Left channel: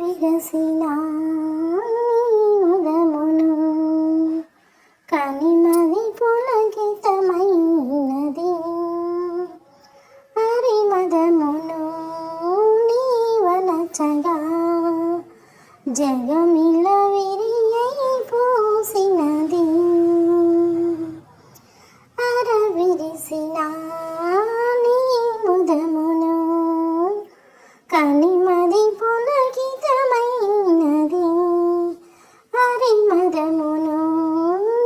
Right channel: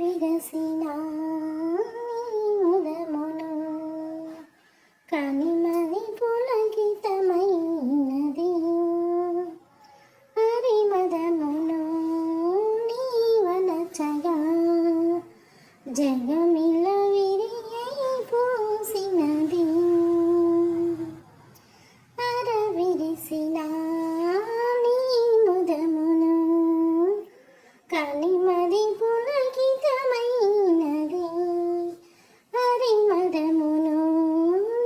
విరసిన ఉదమును కనిమది పులకితమైనది హరిమదమును నీవనచగా జగమిల విరియై పోసినది అరవిరిసిన నీ ముదమును కనిమది పులకితమైనది హరిమదమును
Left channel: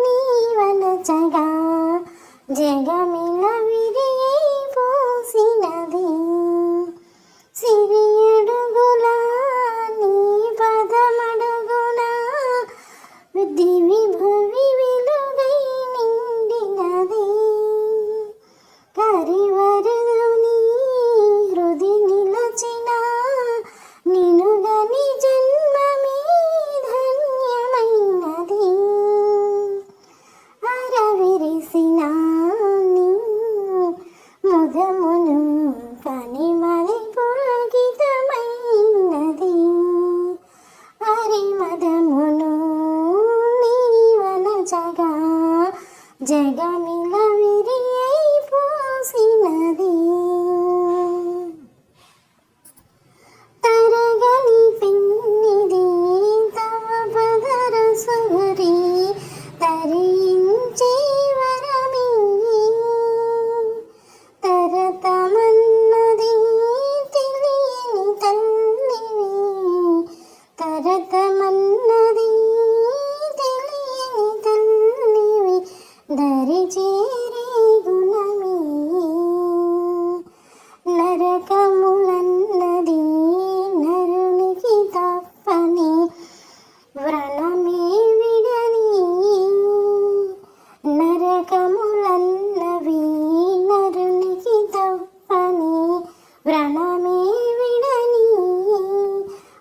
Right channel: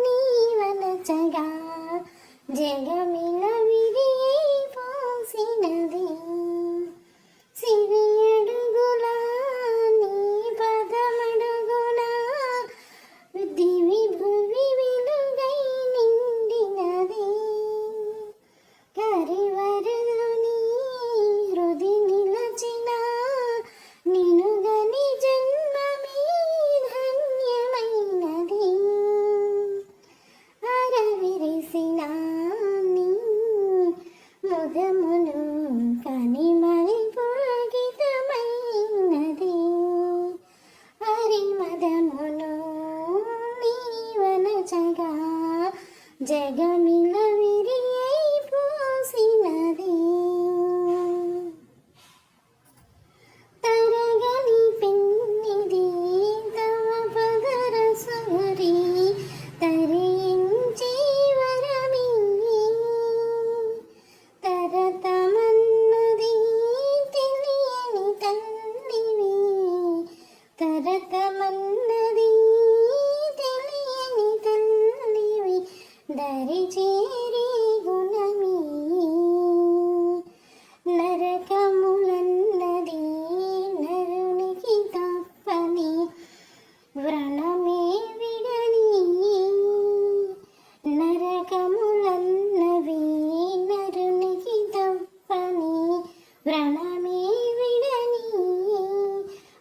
నీవనచగా జగమిల విరియై పోసినది సిరియడుగుల నీ పదమడుగున దివి భువి వెలుగై నిండినది కరివరని హృది నిలచిన నినుగని జన్మమే ధన్యమైనది అరవిరిసిన నీ ముదమును కనిమది పులకితమైనది హరిమదమును నీవనచగా జగమిల విరియై పోసినది తరగని పెన్నిది తవ పదర సురి తరించి వరమే తరతమన్నది తెలియని తల్లివి తరతమన్నది తెలియని తల్లివి దరిచేరి గుణమే నరకములన్నది నరునికి తప్పని వ్రణమే విడని నరకములన్నవి నరునికి తప్పని వ్రణమే విడని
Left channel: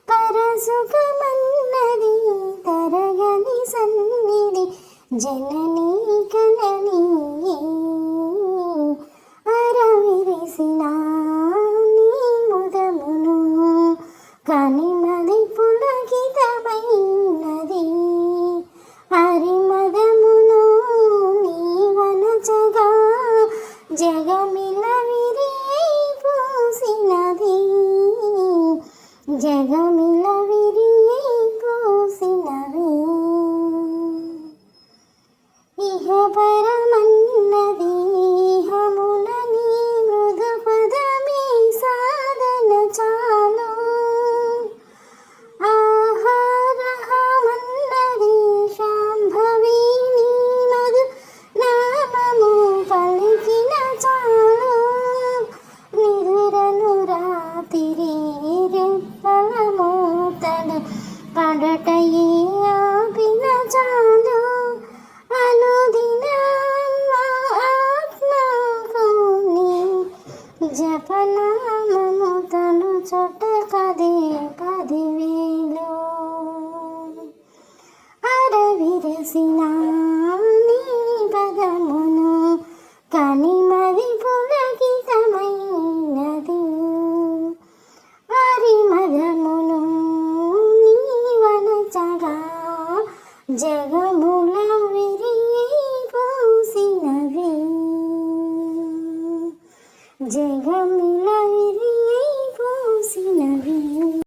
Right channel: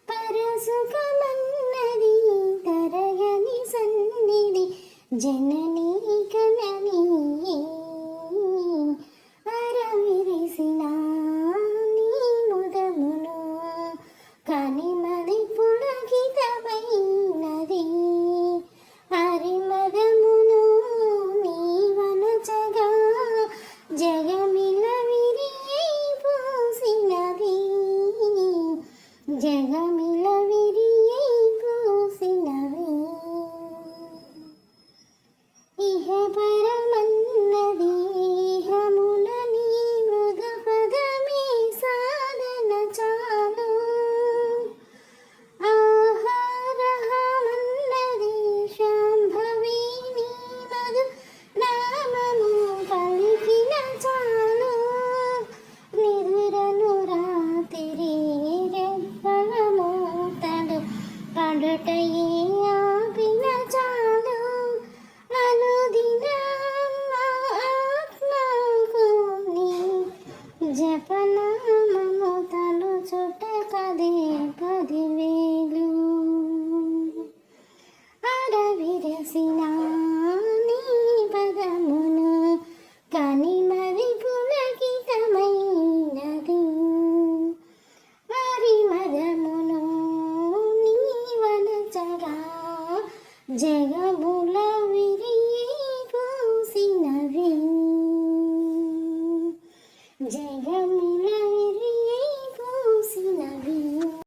పరసుఖమన్నది తరగని సన్నిధి జననీ కనని అరవిరిసిన నీ ముదమును కనిమది పులకితమైనది హరిమదమును నీవనచగా జగమిల విరియై పోసినది జగమిల విరియై